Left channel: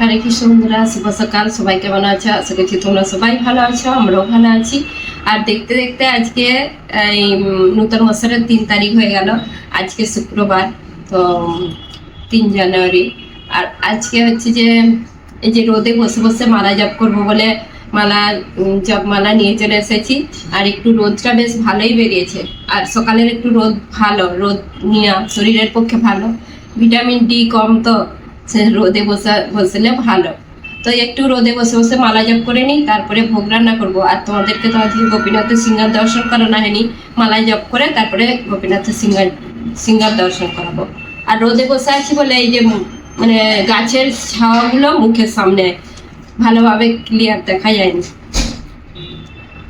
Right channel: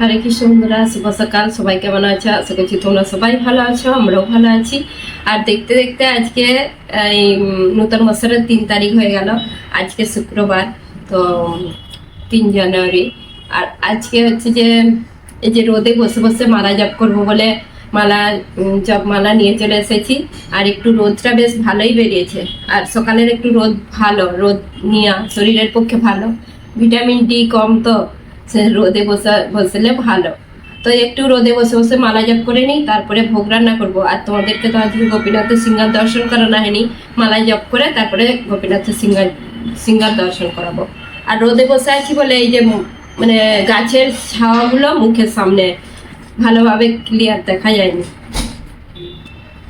হরে কৃষ্ণ বন্ধুরা শুভ সকাল। সবাই কেমন আছো? আশা করছি তোমরা সবাই ভালো আছো, আমরাও ভালো আছি। আর দেখতে দেখতে আজকে এই নতুন বছরের তিন তারিখ হয়ে গেল। আজকে শুক্রবার, তো, তিন জানুয়ারি। আর আজকে হচ্ছে যে, এই যে রোদে বসে বসে মালা জপ করব বলে মালা জপ মালা নিয়ে চলে এসেছি। আর একটু রোদটা বেশ ভালোই বেরিয়েছে। আর সকালের একটু রোদ ভালো, রোদ নেওয়া শরীরের পক্ষে ভালো। ভিটামিন ডি কম তো। রোদে বসা, বসলে ভালো। তো একটু রোদে বসে বসে মালা জপ করে নিই, তারপরে ভোগ রান্না করব। আর তোমাদেরকে তো আজকে গোপীনাথের সিঙ্গার দর্শন করানো হয়নি। মালা জপ করে তারপরে গোপীনাথের সিঙ্গার সিঙ্গার দর্শন করাবো। আর রোদে বসে আছি বলে এই যে মানে গাছের ছাওয়াগুলো মুখের সামনে ভালোভাবে ক্লিয়ার দেখা যায়নি।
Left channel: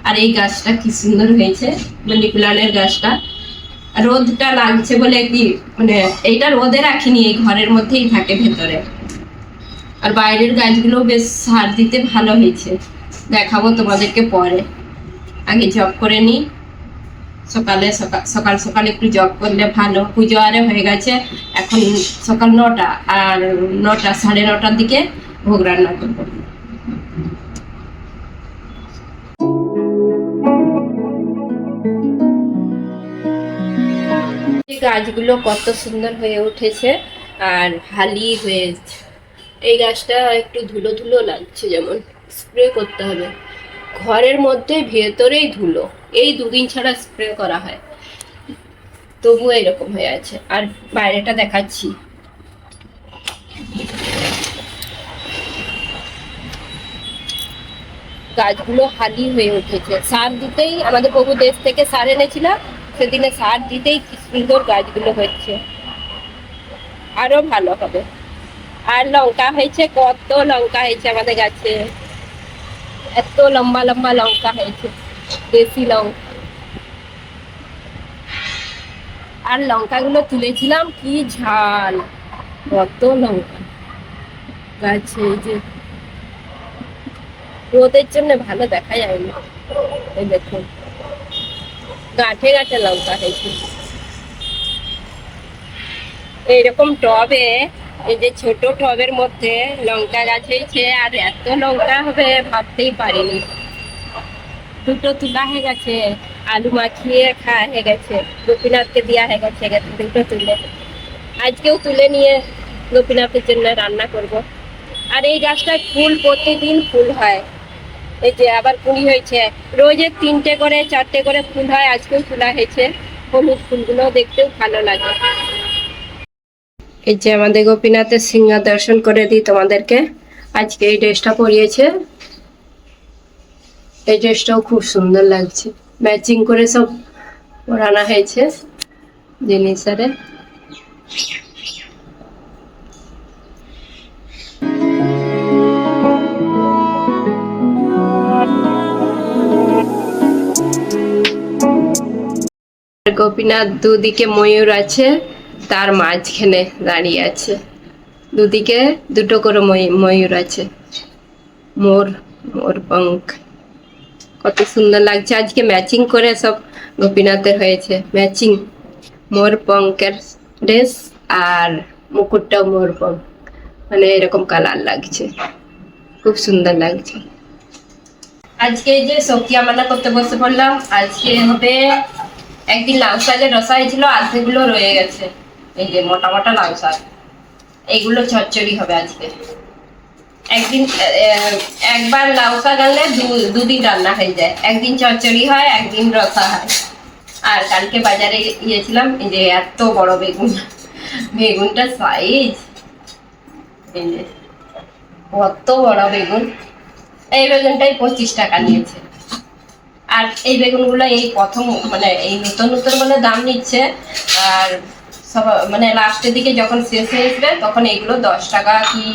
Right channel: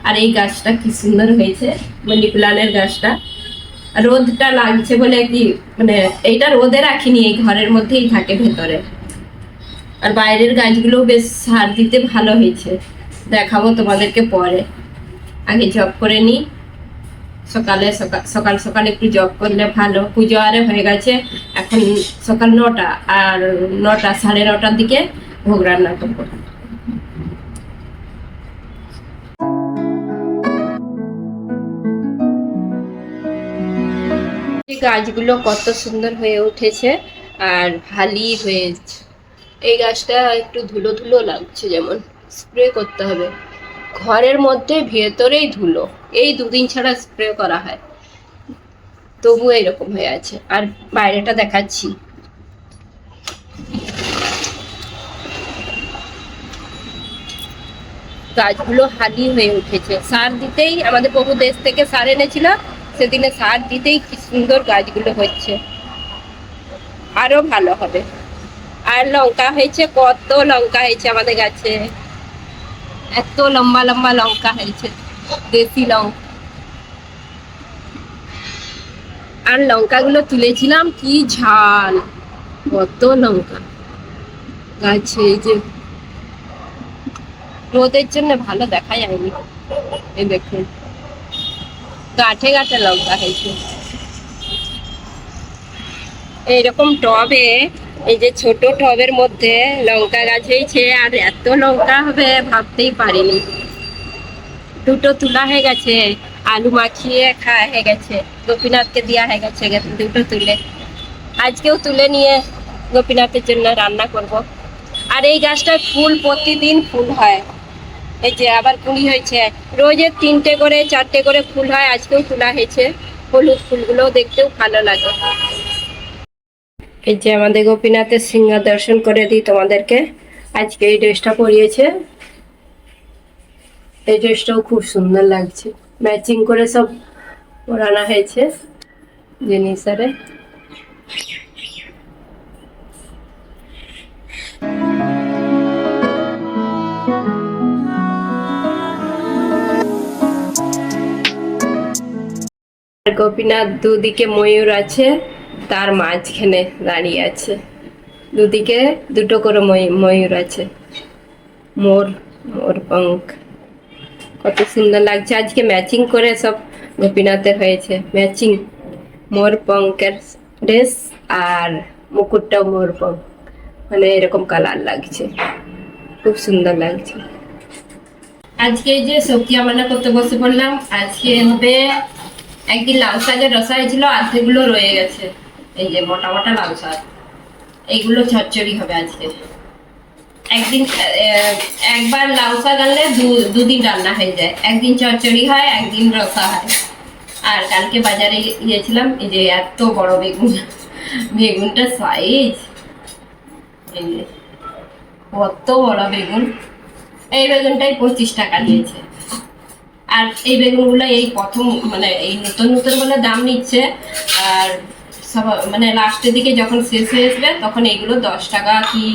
আর এই গাছটা কি সুন্দর হয়েছে মানি প্লান্টের গাছটা। রোদটা লাগছে বলে কি মানে এইটা রোদে রাখিনি, এই ঘরের মধ্যেই থাকে ভেতরে। আর বাইরের গাছগুলোও বেশ সার দিতে ভালো হয়েছে। দেখাবো তোমাদেরকে পরে। আগে জব করে নিই। সকালে সকাল সকাল সকাল একটু জব করলে ভালো। পুজো আরে হয়ে গেছে, এখন সকাল নটা, আর নটা, সাড়ে নটার দিকে ভোগ রান্না করব। গাছগুলো কত সুন্দর হয়ে উঠেছে আর হালি হয়েছে এই গাছটা একটু ধুলো ধুলো লাগছে, যেমন স্প্রে করতে হবে। ঘরের মধ্যে ভেতরেই ধুলো, এই দুদিন ছাড়া স্প্রে করা হয়। তবু এরকম হয়ে আছে। আর বাইরেটা দেখাচ্ছি। গাছগুলো হালি হয়ে উঠেছে। সার দিতেই আমাদের বহু দেশ থেকে সার এনেছিল। সেদিনে সার দিতেই কি সুন্দর গাছগুলো হচ্ছে। আরও ভালো হবে। আর লঙ্কা হয়েছে, কত লঙ্কা হয়েছে আমাদের গাছে। এত লম্বা লম্বা লঙ্কা হয়েছে, দেশি লঙ্কা। আর লঙ্কাগুলো তুলেছিলাম, কি ঝাল, কত লঙ্কা। গাছে এই যে রোদের জন্য ভালো দেখা যায়নি। এই দেখুন। গাঁঠে গাঁঠে লঙ্কা হয়েছে এইরকম টবে, এই যে ছোট টবের মধ্যে লঙ্কা গাছ হয়েছে, আর এত লঙ্কা হবে ভাবতেই পারিনি। দুটো তোলা হয়ে গেছে, আলু মাখিয়ে খাওয়া হয়ে গেছে, গোপীনাথকে দেওয়া হয়ে গেছে দুটো তুলে। আজকেও তুলে নিয়ে গোপীনাথের জন্য রান্না করব। আর এই গাছটায় ফুল প্রতিদিন ফুল হয়। এই যে আবার কুড়ি হয়েছে। রোজের তিনটে করে, চারটে করে ফুল হয়, আজকেও তোলা হয়েছে। হলুদ ফুলগুলো দেখতেও ভালো লাগে। এই যে আমাদের গোপীনাথের সিংহা দর্শন করে দিই তোমাদেরকে। আজকে এই ড্রেসটা পরিয়েছে। এই ড্রেসটাও খুব সুন্দর লাগছে। ম্যাচিং করে সব পরানো হয়েছে জিনিস গোপীনাথ দুদিকে ময়ূর আছে, তার মাঝখানে দাঁড়িয়ে আছে। দুদিকে দুটো করে ময়ূর আছে। মোর মোর পঙ্খ কত সুন্দর লাগছে। আজকে ম্যাচিং করে সব গোপীনাথের হয়েছে। ম্যাচিং মোর পঙ্কের ড্রেস আর মুকুটটাও মোর পঙ্ক। মানে এরকম কালার লাগছে। খুব সুন্দর লাগছে। আজকে যে সবজি রান্না করতে বসে পড়লাম। আজকে হবে একদিন লাউ শাকের রসা হয়েছিল আধেগুলো রয়ে গেছে। এই যে মোটা মোটা লাউ শাক। এইগুলো চচ্চড়ি হবে আজকে। একদিন একবার লাউ শাক আনলে দুদিন রান্না হয়ে যায়। একদিন চচ্চড়ি হয়, একদিন রসা হয়। আর কালকে বাজারে গিয়েছিলাম, এই যে এত বড় বেগুন। বেগুনটা সাইজ কত বড় বেগুন। এই বেগুনটাই পঁচিশ টাকা নিয়েছে। আর এই বেগুনগুলো এই প্রথম মানে এই নতুন নতুন বলে দাম নিচ্ছে। আর সব মানে লাস্টের দিকে যখন শেষ হয়ে আসবে, তখন এইগুলো দশ টাকা কি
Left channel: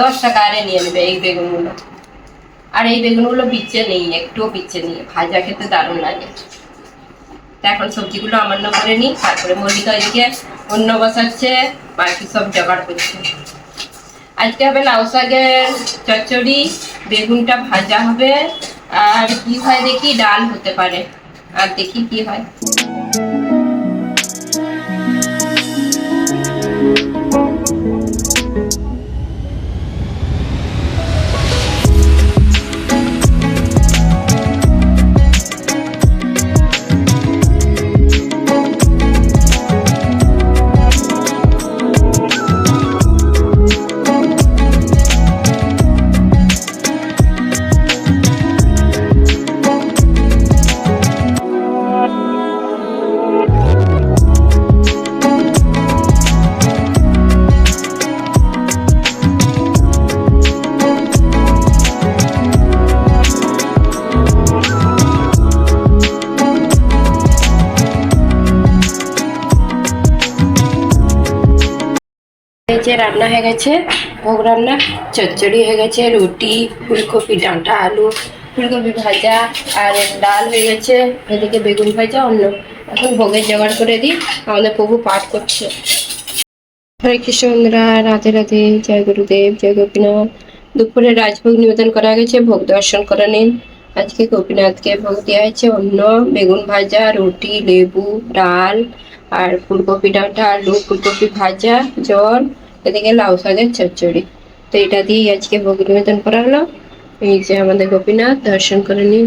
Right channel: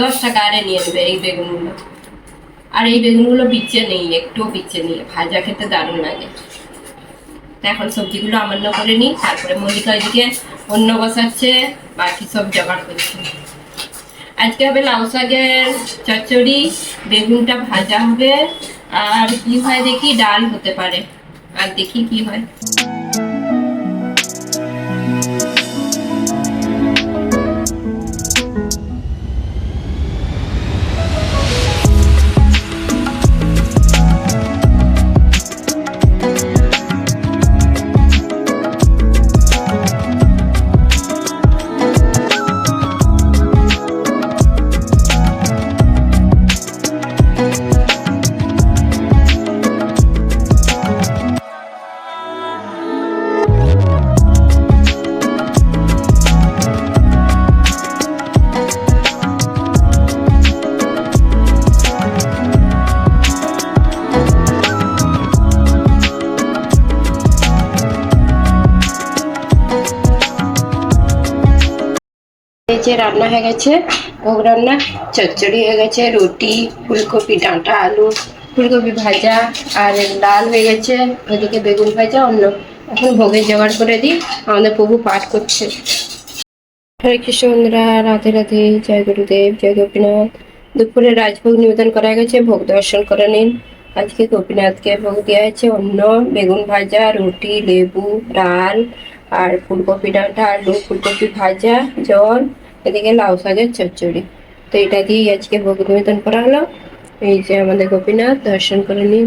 দশ টাকা আরে নিয়ে নেবে এই বেগুনগুলো। আর এই বেগুনগুলো বিচ্ছে নেই, একটুও বিচ্ছে নেই, ভাজা খেতে দারুণ লাগে। তা এখন সবজিগুলো আমান্য করে নিই, তারপরে মল্লিকা এদিকে অন্য বসাচ্ছে, বাকি সব জোগাড় করছে। আজকে হবে লাউ শাকের চচ্চড়ি, বেগুনটা ভাজা হবে আর কি হয় দেখি ডাল হতে পারে। আর দেখি কি হয়। যে রান্না হয়ে গেছে, ভোগ রান্না, চচ্চড়ি হয়ে গেছে, রুটি, ফুলকপি, ডাঁটা, আলু, ফুলকপি ভাজা আর ডাল হয়ে গেছে ওদিকে বেগুন ভাজা, অন্য এখন ভোগের জোগাড় করে দিই, আমাদের প্রভু পাঠ করছে। হরে কৃষ্ণ রাধে রাধে, জয় গুরুদেব, জয় গোপীনাথ। দুপুরে রাজভোগ নিবেদন করা গেছে, ভোগ দর্শন করে নিন। আজকে গোপীনাথকে ভোগ দেওয়া হয়েছে অন্য বেগুন ভাজা, রুটি, লেবু, ডাল আর ফুলকপি ডাঁটা, আলু, ফুলকপি ভাজা, জল এদিকে লাউ শাকের চচ্চড়ি। তো এটা দিয়েই আজকে ভোগ নিবেদন করা হলো। এই যে আমাদের গোপীনাথ, দর্শন করে নিন।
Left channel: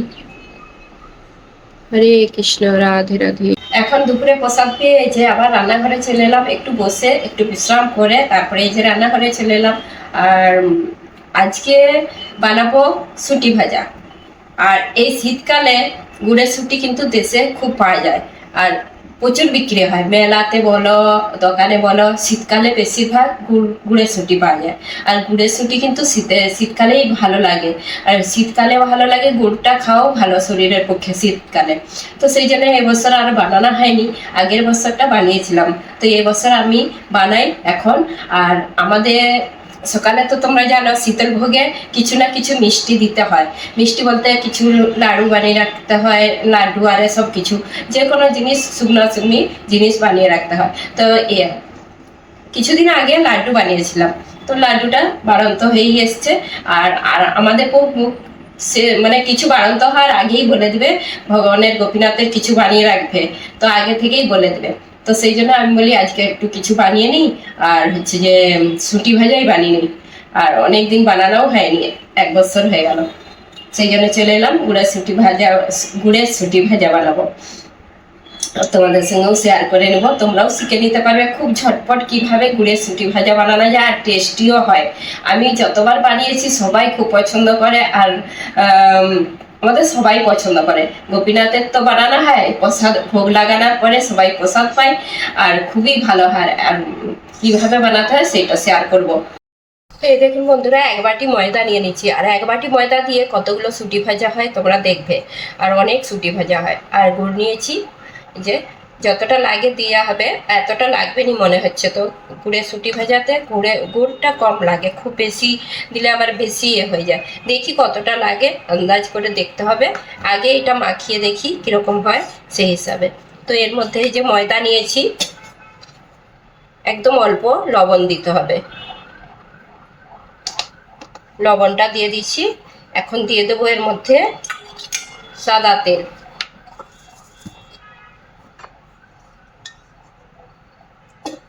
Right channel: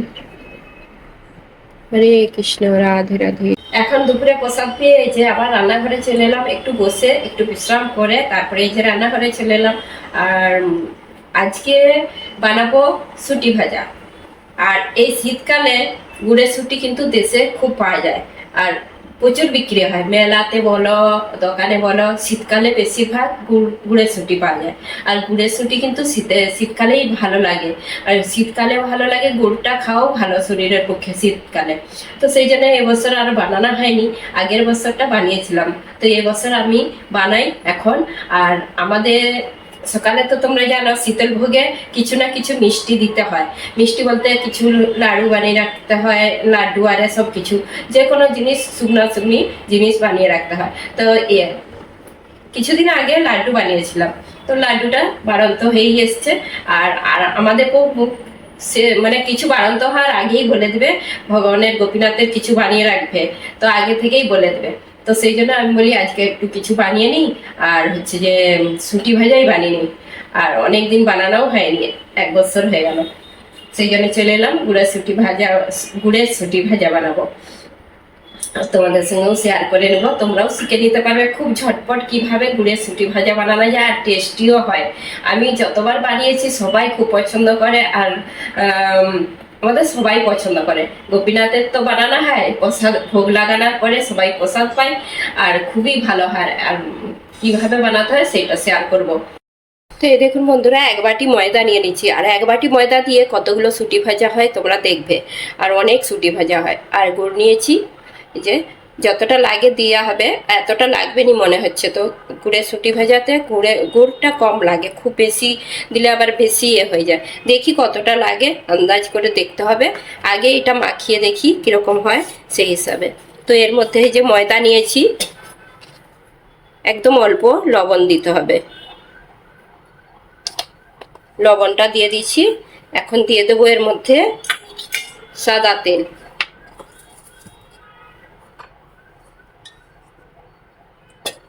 হরে কৃষ্ণ, রাধে রাধে। এখন দুপুরে প্রসাদ পেয়ে এই যে আবার রান্নাঘরে চলে এলাম। একটু বসে, একটু বিশ্রাম করে, তারপরে এই যে রান্নাঘরে চলে এলাম। আর আজকে বানাবো সুটি ভাজা। আর এই শীতকালে গুড়ের সুটি কিন্তু দেশে খুব পাওয়া যায়। আর প্রচুর বিক্রি হয়। মেলাতে বলো, দোকানে বলো, শীতকালে বেশিরভাগ গুড় গুড়ের সুটি পাওয়া যায়। আর গুড়ের সুটি কিন্তু শীতে, শীতকালেই ভালো লাগে। আর শীতকালে ভালো লাগে, গুড়টা খাও ভালো শরীরের পক্ষে শীতকালে। তো সেই জন্য এবছর আর বানানো হয়নি, আগের বছরটা বানিয়েছিলাম। তো এবছর আমি বানাই এখন। আর আমাদের সকালে তো তোমরা জানো, শীতল ভোগে কিছু না কিছু মিষ্টি দিতে হয়। মিষ্টি বলতে কিছু লাড়ু বানিয়ে রাখতে হয়, লাড্ডু, আর সব কিছু যে কোনো জিনিস, শুকনো শুকনি জিনিস বানিয়ে রাখতে হয়। তো এ, কিছুদিন আগে লাড্ডু বানিয়েছিলাম। তো লাড্ডুটা বাড়ন্ত হয়েই এসছে। আর আর আমাদের প্রভু সে মানে কিছু বাড়ন্ত হওয়ার আগেই বলে দেবে, ভগবানের গোপীনাথের কিছু বানিয়ে রাখবে। তো আগে থেকেই বলে দেবে। তো সেই জন্য আমি বলি, আজকে একটু কিছু বানিয়ে নিই, আর হচ্ছে যে সুটি ভাজাই বানিয়ে নিই। আর অনেক দিন বানানোও হয়নি, এক বছর হয়ে গেল। সেই জন্য চলে এলাম, গুড়ের সুটি ভাজা, গুড়ের সুটি ভাজা বানাবো। তোমাদের সঙ্গেও শেয়ার করে নেব, তোমরাও শিখে নিতে পারবে খুব ঝটপট কীভাবে গুড়ের সুটি ভাজা বানানো যায় আর টেস্টিও হয়। আমি যতবার বানিয়েছি, সবাই খুব পছন্দ করে, আর আমাদের সবাই পছন্দ করে। গোপীনাথের তো বানানো হয়, প্রসাদ, ভোগ লাগানোর পরে সবাই প্রসাদ পায়, আর খুবই ভালো হয়। আর কীভাবে বানাতে হয় সেটা শেয়ার করব। তো এই দেখুন বন্ধুরা, এক বাটি ময়দা নিয়ে নিচ্ছি। আর এক বাটি ময়দা দিয়ে কতগুলো সুটি ভাজা হয় তোমরা দেখবে। আর অনেক সুটি ভাজা হয়। আর গুড় নিয়েছি যে যতটা লাগে দেওয়া হবে, এতটা লাগবে নি মনে হচ্ছে। তো গুড়ের সুটি ভাজাতে গুড়ে, গুড়টা কম লাগে, খুব বেশি দিলে আবার বেশি ইয়ে হয়ে যায়। দেখি কতটা লাগে, আন্দাজ করে দেখতে হবে। আগে এটা মাখিয়ে দেখি কীরকম হয় সেই হিসাবে। তো এর মধ্যে যে ময়দা নিয়েছি, একদম অল্প লবণ দিতে হবে। লবণটা দিয়ে দিচ্ছি এখন দিয়ে দেবো এর মধ্যে সাদা তেল।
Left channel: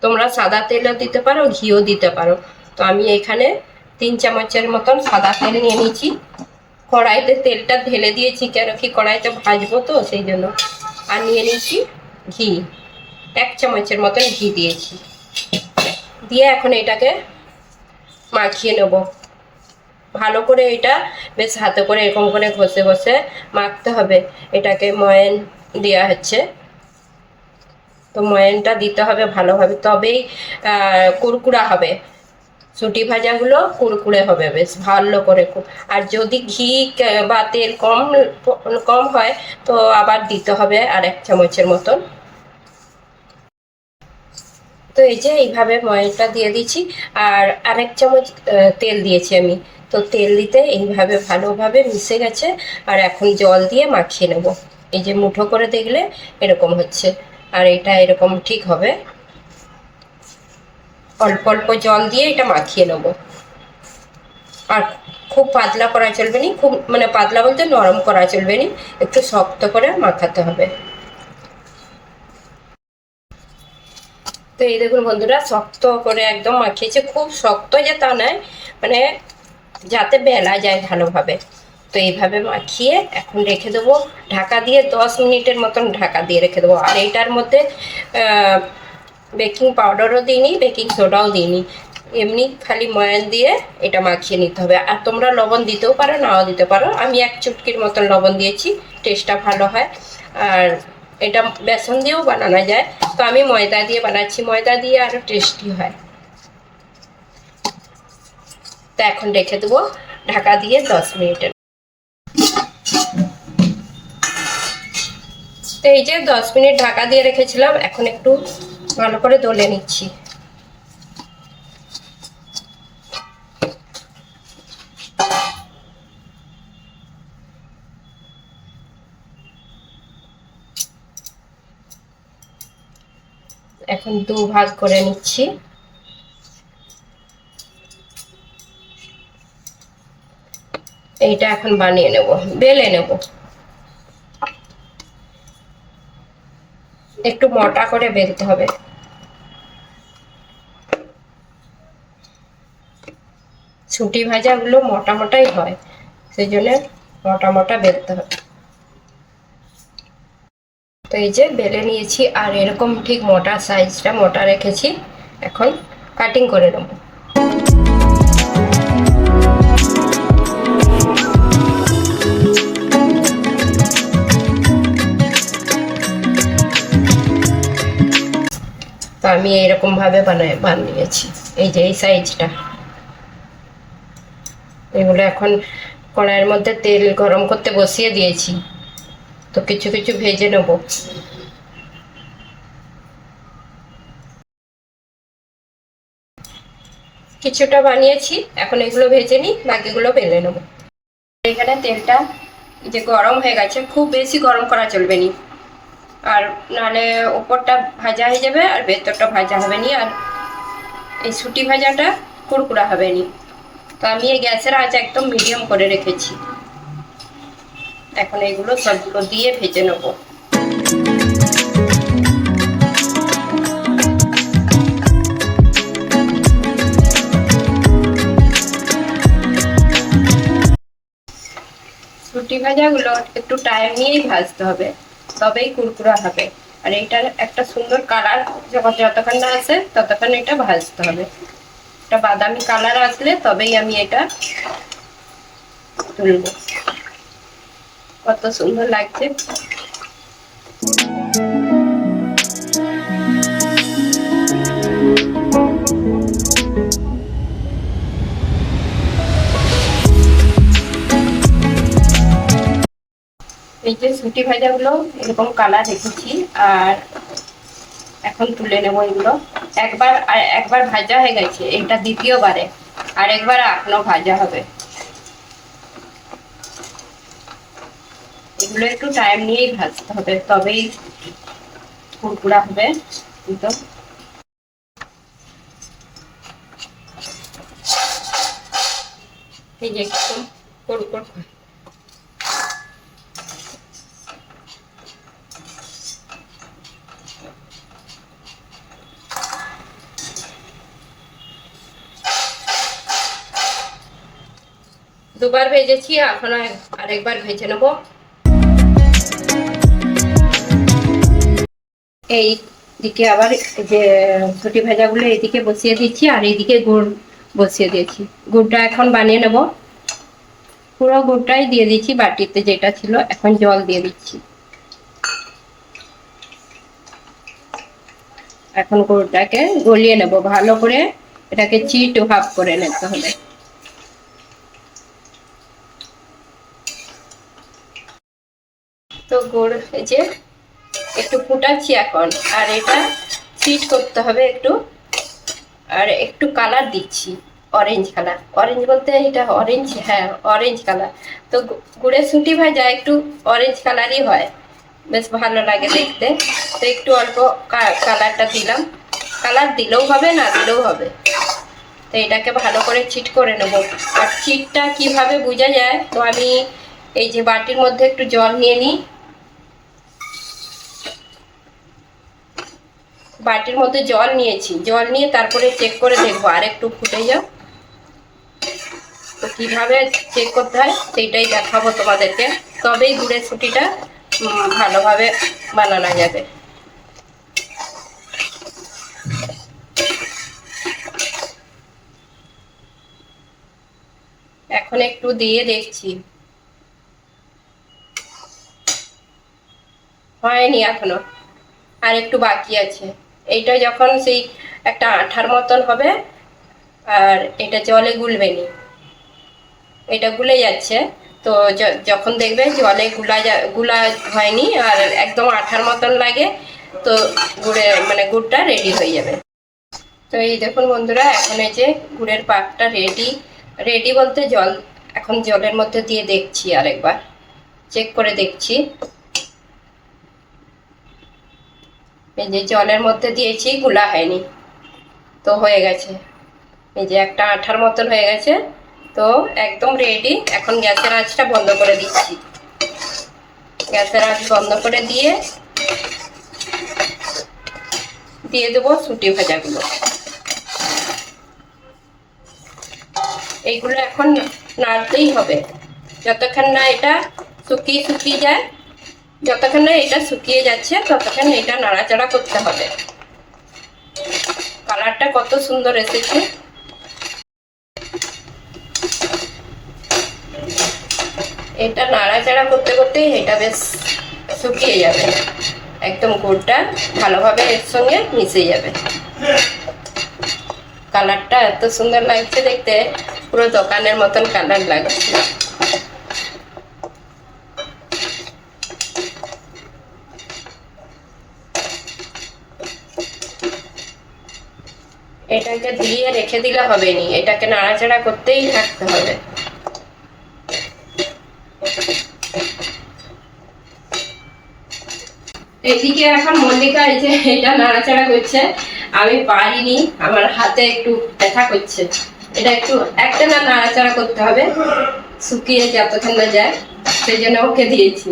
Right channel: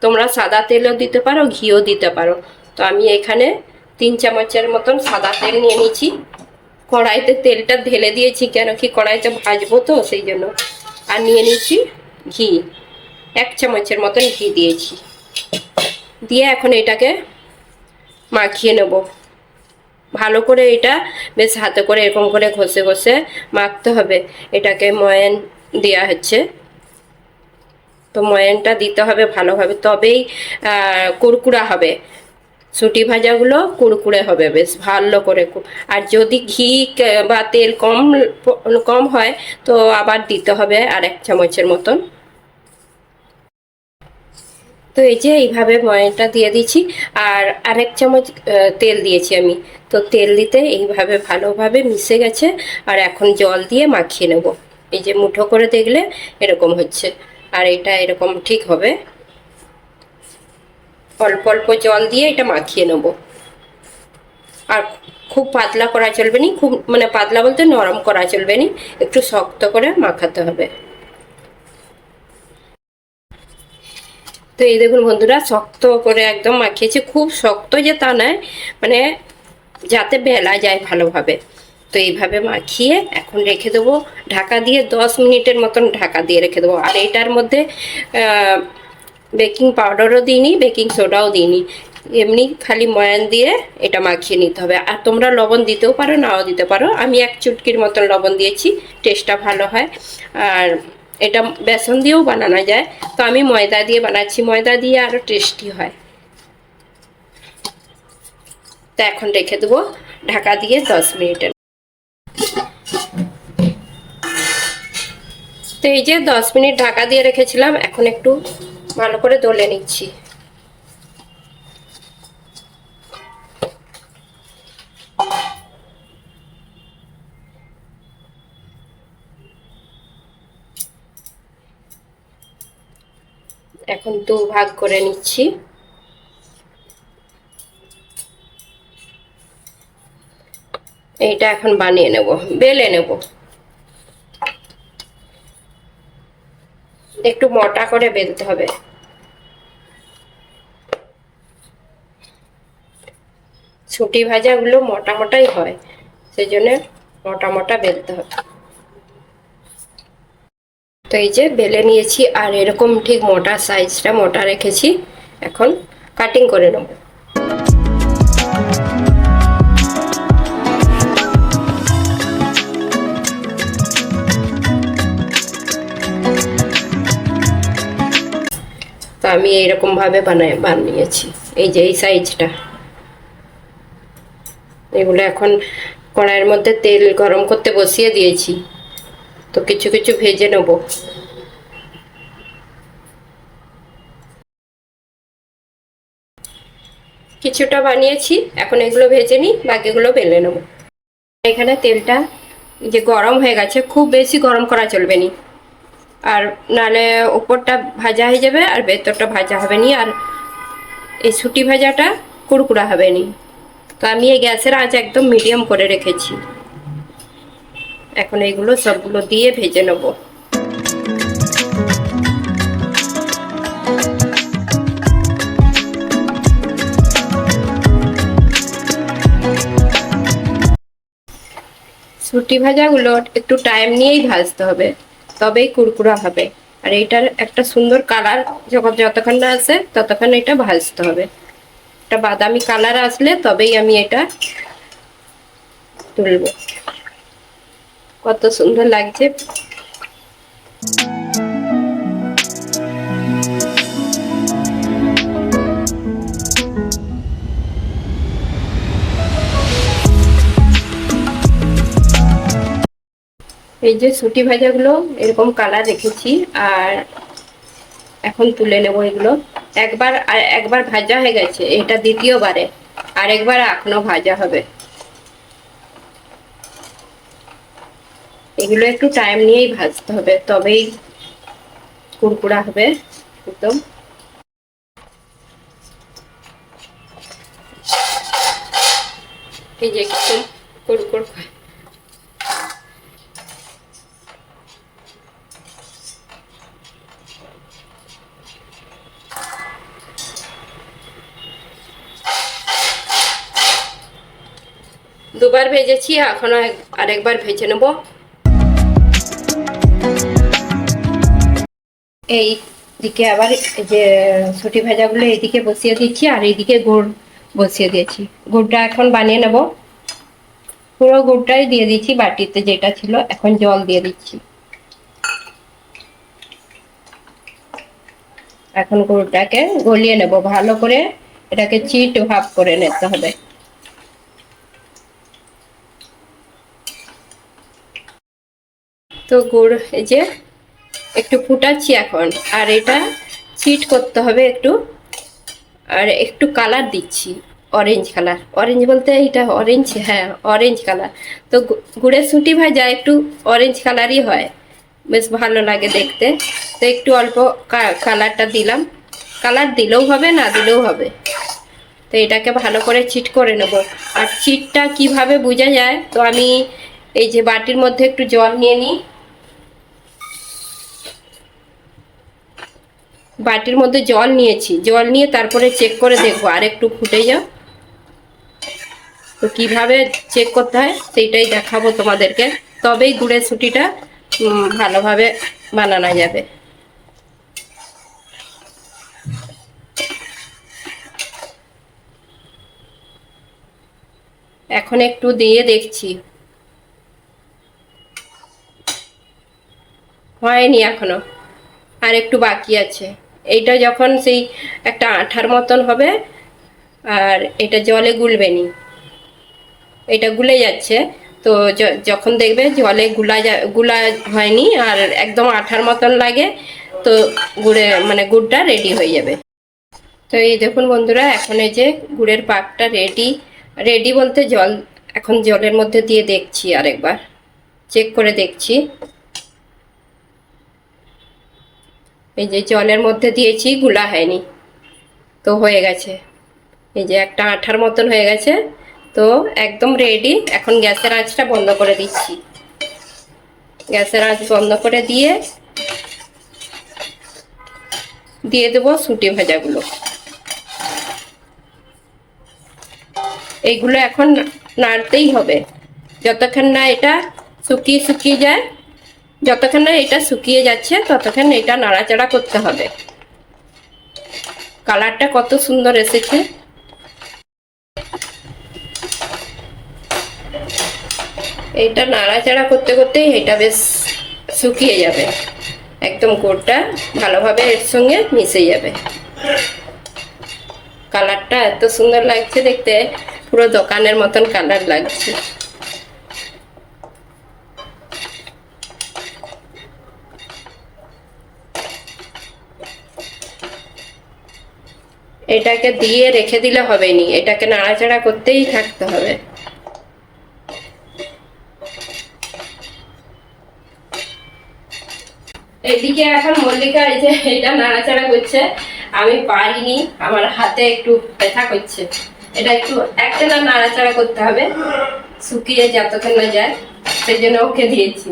তোমরা সাদা তেলও দিতে পারো, ঘিও দিতে পারো। তো আমি এখানে তিন চামচের মতন সাদা তেল নিয়ে নিয়েছি। কড়াইতে তেলটা ঢেলে দিয়েছি কেন কি কড়াইতে ভাজবো তো, সেই জন্য। আর নিয়ে নিয়েছি ঘি। এক চামচের মতন ঘি দিয়েছি। দিয়ে এখন এটাকে মাখিয়ে নেব। ভালো করে এটা বেশ হাতে করে এরকম করে ঘষে ঘষে মাখতে হবে। এটাকে ময়ান দেওয়া হচ্ছে। তো ময়ানটা দিতে হবে ভালোভাবে। তবেই কুড়কুড়া হবে। সুটি ভাজাগুলো কুড়কুড়ে হবে বেশ, ভালো করে আর যদি ঘি বা তেল কম কম হয়, তো আবার দিতে হবে আর এক চামচের মতন। তো এই যে এইভাবে ময়নটা দিয়ে দিচ্ছি আর আরেক চামচ তেল দিয়েছি আমি। তো তেল দিতে এইভাবে ভালোভাবে মিশে গেছে, আর এখন জল দিয়ে মাখিয়ে নেব। এই যে মুঠো করে দেখলে এরকম হচ্ছে। আর এটা এরকম ঠিক হবে। অল্প অল্প জল দিয়ে এটা মাখিয়ে নেব। আর খুব পাতলা করা চলবে না, খুব মানে পাতলা বলতে নরম করা চলবে না, একটু শক্ত করে মাখাতে হবে। তো এই দেখুন বন্ধুরা, শক্ত করে একদম মাখিয়েছে। খুব শক্ত যে তা নয় মানে যাতে বেলা যায় ভালোভাবে। তো এইভাবে মাখিয়ে এখন রেখে দেবো। ঢাকা দিয়ে দশ মিনিটের মতন ঢাকা দিয়ে রেখে দেবো। আর এটার মধ্যে বেকিং পাউডারও দিইনি, বেকিং সোডাও দিইনি। এমনি খালি ময়ান দিয়ে এটা মাখিয়ে নিতে হবে। আর তোমরা লবণ দিতেও পারো, নাও দিতে পারো। আমি এক চুটকির মতন লবণ দিয়েছি, টেস্টটা ভালো হয়। আর এটা বেসন দিয়েও বানানো যায়। তো আমি ময়দা দিয়ে বানাচ্ছি। ময়দা দিয়ে আরও টেস্টি হয়। তা এখন রেখে দেবো। ঢাকা দিয়ে দশ মিনিটের তো এই যে দশ মিনিট ঢাকা দিয়ে রেখেছিলাম, এখন একটু ভালো করে দলে নিচ্ছি। এখন দু ভাগ করে নিচ্ছি। এইটা এখন বানিয়ে নেব, বেলে নেব। একটু মোটা করে বেলতে হবে। ছুটি ভাজাগুলো মোটা মোটাই হয়, সেই জন্য মোটা মোটা বেলতে হবে। তো এই যে বেলে নিয়েছি, আর এরকম ঠিক মোটা সাইজটা মোটা রেখেছি, এখন কাটিং করে নেব। আমি এইরকম ভাবে বানাই বানিয়েছি। এই যে, এই সাইজটা। এগুলো এখন কড়াইয়ের মধ্যে তেল গরম করতে বসিয়ে দিয়েছি। তো কিছু কিছু ভেজে নেব। কিছুটা বানিয়েছি, এখন এগুলো ভেজে নিই, বাকিগুলো বেলে নেব। এখানে তেলটা যে গরম হয়ে গেছে, খুব বেশি গরম করা চলবে না। আর নালে ওপরটা ভাজা হয়ে যাবে আর ভেতরটা ভাজা হবে নি, আর এই সুটি ভাজাটা কুড়কুড়া হবে নি। তো আমি এই গ্যাসের আঁচ একদম মিডিয়াম করে রেখেছি। এখন এগুলো সবগুলো দিয়ে ভেজে নেব। সুটি ভাজাগুলো একটু টাইম নিয়েই ভাজতে হবে। তবেই কুরকুরা হবে। আর এইটার একটা সুন্দর কালার যখন যতক্ষণ না আসে, ততক্ষণ এটা ভাজতে হবে। একটা বাদামি কালার আসলে তবেই আমি এটা তুলব। কত সুন্দর লাগছে। এই যে সুটি ভাজাগুলো, এরকম কালার রেখেছি আর এখন তুলে নেব এগুলো। একবার, আর একবার ভাজা হয়ে গেছে, এটা দ্বিতীয়বারে, আর একবার এখনও ভাজা হবে। এগুলো একটু টাইম নিয়েই ভাজতে হবে, তবেই কুরকুরা হবে, একদম। এই যে কুরকুর দুবার ভেজেছি, এখন আরেকবার ভেজে নেব। এই দিকে আবার যে ছুটি ভাজাগুলো এইদিকে বসিয়ে দিচ্ছি, আর এইদিকে গুড় বসিয়ে দিয়েছি। গুড়টা এখন বানিয়ে নেব। পুরো গুড়টাই দিয়ে দিচ্ছি বাটিতে যেটা ছিল এখন জল দিয়ে দিচ্ছি। এখন গুড়টাকে গলিয়ে নেব, ভালো করে এটাকে চিট হাফ করে নিতে হবে। তো গুড়, এই যে একটু ফুটাচ্ছি এখন। আর এটা চিট করতে হবে একটু। আর একটু কালার দিচ্ছি অরেঞ্জ কালার। অরেঞ্জ বলতে এটা অরেঞ্জ হ্যাঁ অরেঞ্জ কালার। তো গুড়ের সুটি ভাজা একটু অরেঞ্জ কালারই হয়। বেশ ভালো লাগে দেখতে। তো একটু অল্প কালারটা দিলাম। কালার দিলেও হবে, না দিলেও হবে। তো এটাকে ভালো করে চিট করে নেব। আর চিটটা কীভাবে বোঝা যায়, তো আমি এই যে বাটির মধ্যে একটু জল নিয়ে নিই। বাটির মধ্যে জল নিয়েছি। জল নিয়ে তারপরে চেক করে দেখব। আর একটু ফুটে যাও তো কীভাবে চেক করতে হয়, সেইটাই দেখাবো তোমাদেরকে। তবেই গুড়ের ছুটিটা ভালোভাবে বানানো যাবে। এখন একটু দিয়ে দেখছি। হয়নি এখনও। আর একটু বাকি আছে। এইটা যখন সেই একটা আঠার মতন হবে, আর এটা জলে গুলবে নি। এটা গুলে যাচ্ছে, তো যখন দেখবে জলে গুলা গুলা হয়নি, আর একদম আঠার মতন লাগে, তো গুড়ে মানে গুড়টা রেডি হয়ে যাবে। তো এই দেখুন বন্ধুরা, এখন এই যে গুড়ের পাকটা রেডি রেডি বলতে জল, এখন জলের মধ্যে দিয়ে দেখছি আরেকবার চেক করে দেখছি। এই যে জলের মধ্যে দিয়েছি, গুলা হয়নি। তো হয়ে গেছে। এই যে একটা আঠার মতন হয়ে গেছে। তো একদম রেডি এখন গ্যাসের আঁচটা বন্ধ করে দিচ্ছি। গ্যাসের আঁচ বন্ধ করে দিয়ে দিয়ে দেবো সুটি ভাজাগুলো। এইগুলো এখন নাড়তেই হবে। যতক্ষণ না এটা শুকিয়ে শুকিয়ে যায় যতক্ষণ না এটা শুকিয়ে যাচ্ছে, ততক্ষণ এটা নাড়াচাড়া করতে হবে। কালারটা কত সুন্দর এসেছে। এটা নাড়াচাড়া করতে করতেই এটা বেশ শুকিয়ে যাবে। একদম গোড়টা ভালোভাবে এর সঙ্গে মিশে যাবে। কালারটা এত সুন্দর লাগছে দেখতে, পুরো দোকানের মতন কালার লাগছে। এটাকে দিয়ে রেখে দিলে হবে নি এটাকে নাড়াচাড়া করতেই থাকতে হবে। এদিকে এখন মল্লিকা এই যে এটা নাড়াচাড়া করছে। আমি পারিনি, আমার হাতে একটু ব্যথা করছে। এটা একটু একটা না নাড়াচাড়া করতে হবে, শুকিয়ে যতক্ষণ না যায়, সেই জন্য ওকে দিয়েছি।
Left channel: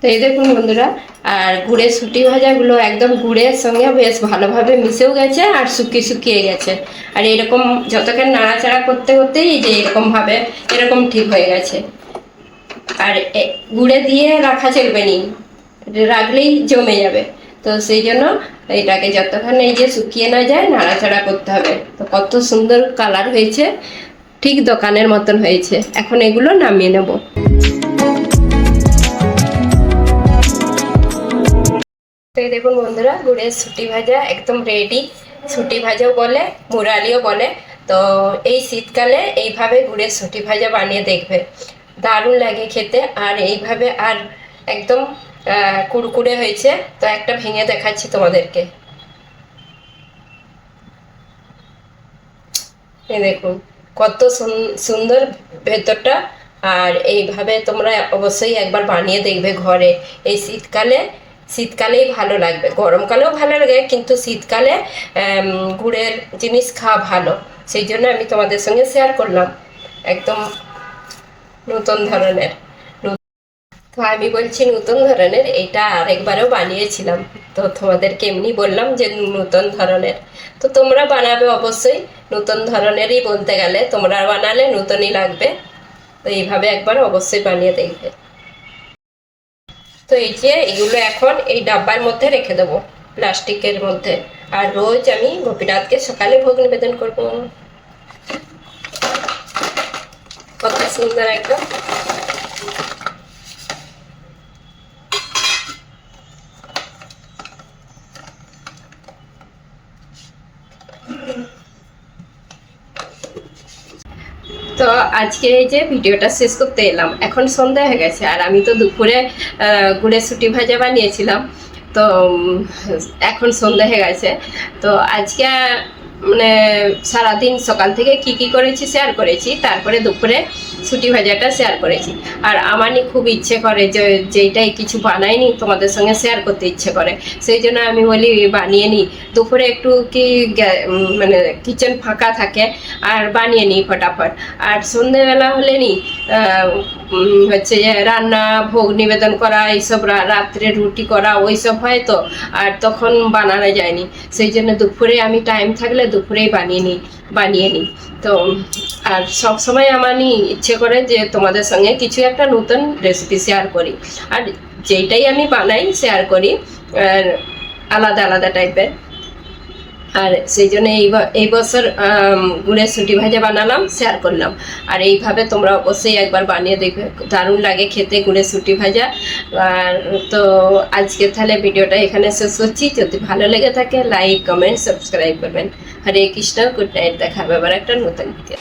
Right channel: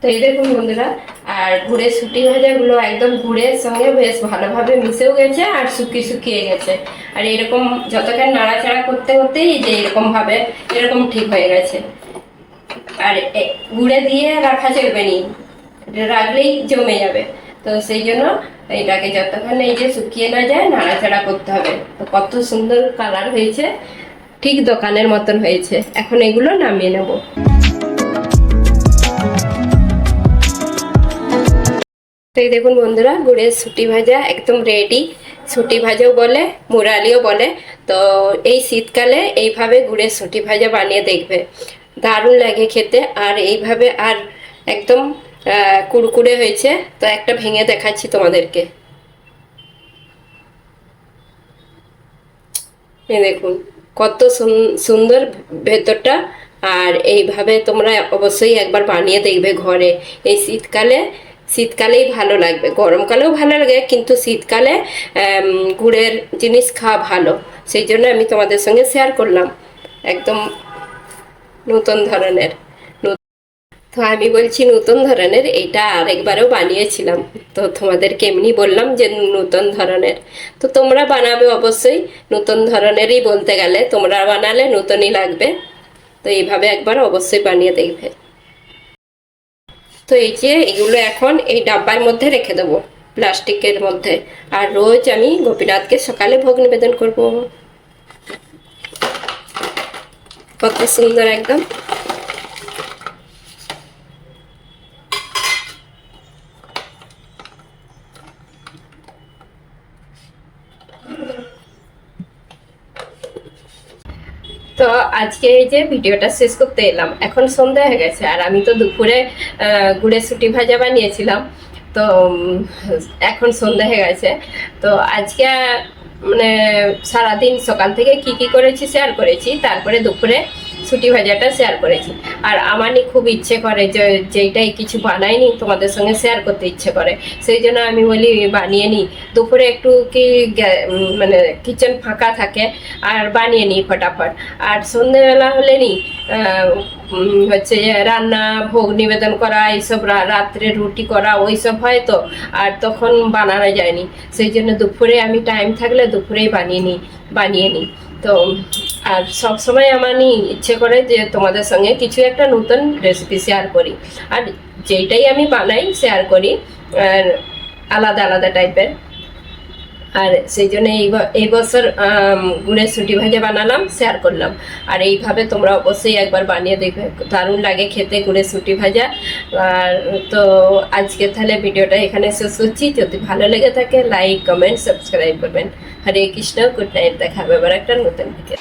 তো এই দেখুন বন্ধুরা আর গুড়ের সুটি ভাজাগুলো একদম গুড়ের সঙ্গে বেশ ভালোভাবে মিশেও গেছে আর শুকিয়ে শুকিয়ে গেছে। আর এরকম যতক্ষণ নাড়াচাড়া করতে করতেই যে এরকমভাবে এরকম ঠিক হয়ে গেছে। আর গুড়ে দিয়ে রাখা চলবে নি, রাখলেই জমে যাবে। তো সেই জন্য এটাকে যতক্ষণ এই যে শুকিয়ে না যায়, নাড়াচাড়া করতে হবে। তো কত সুন্দর কালার হয়েছে, ঠিক দোকানের মতন হয়েছে। এখন এগুলো নামিয়ে নেব। দেখুন বন্ধুরা, গুড়ের সুটি ভাজা একদম রেডি সুটি ভাজাও বলে, মুরালিও বলে। তো এই শীতকালে এইভাবে গুড়ের সুটি ভাজা বানিয়ে দেখবে। দারুণ লাগে খেতে। আর এইভাবে আর একদম কুড়কুড়ে হয়েছে। তো একটা ভেঙে দেখাচ্ছি তোমাদেরকে। এই দেখুন, কত সুন- সুন্দর ভেতরটা। আর এইভাবে তোমরা অবশ্যই একবার বানিয়ে দেখবে ঘরে। এই শীতকালে শীতকালেই ভালো লাগবে। গরমকালেও ভালো লাগে, কিন্তু শীতকালে গুড়ের জিনিস খাওয়া ভালো। সেই জন্য আমি তোমাদের সঙ্গে শেয়ার করলাম। একদম নতুন ধরনের। তো আমি বলছি নতুন ধরনের, এইটা আরেকবারও বানিয়েছিলাম। তো তোমাদেরকে এমনি বললাম যে নতুন ধরনের। তো তোমরা বানাবে অবশ্যই, নতুন ধরনেরই বলতে গেলে তোমরা বানালে নতুনই লাগবে। তো এইভাবে একবার অবশ্যই বানিয়ে দেখবে। তো এই যে এগুলো এখন এই ডাব্বার মধ্যে রেখে দেবো, প্লাস্টিকের মধ্যে। আর রোজ আমি গোপীনাথকে সকালে ভোগ নিবেদন করব। কত সুন্দর একদম তো আজকে এই যে ভিডিওটা শেষ করতে এলাম। এখন সন্ধ্যা হয়ে গেছে আর আমি তো দুপুরে গুড়ে সুটি ভাজা বানিয়েছিলাম। তো এখন সন্ধ্যা হয়ে গেছে। তো আজকে মানে সারাদিন সকাল থেকে কি কি করেছি শেয়ার করেছি। তারপরে দুপুরে সুটি ভাজাটা শেয়ার করেছি। আর আমারই খুব ইচ্ছে করে যে, যেইটাই কিছু বানাইনি তোমাদের সঙ্গে শেয়ার করতে ইচ্ছে করে। সেই জন্য আমি বলি, বানিয়ে নিই দুপুরে একটু কি মানে কিচেন ফাঁকা থাকে, আর বানিয়ে নিই ফটাফট। আর সন্ধেবেলা হলে নি হচ্ছে যে রান্না, ভোগ নিবেদন করা, এইসব রাত্রে রুটি করা, ওইসব হয় তো, আর তখন বানানো যায়নি। সেই জন্য দুপুরে আমি টাইম থাকলে দুপুরেই বানিয়ে নিই বানিয়ে নিই তো, আর সব সময় আমার ইচ্ছে করে যে তোমাদের সঙ্গে কিছু একটা নতুন রেসিপি শেয়ার করি। আর যেইটাই আমি বানাই শেয়ার করি, আর আলাদা আলাদা টাইপের আর সেই জন্য এই বছর গুড়ের সুটি ভাজা বানালাম শেয়ার করলাম। আর এইভাবে তোমরা অবশ্যই একবার বানিয়ে দেখবে। দারুণ লাগে খেতে গুড়ের সুটি ভাজা। আর তো আজকে তাহলে ভিডিওটা এখানে শেষ করছি। যদি ভালো লেগে থাকে লাইক কমেন্ট সাবস্ক্রাইব করবেন। হরে কৃষ্ণ গুড নাইট দেখাবে আবার একটা নতুন ভিডিও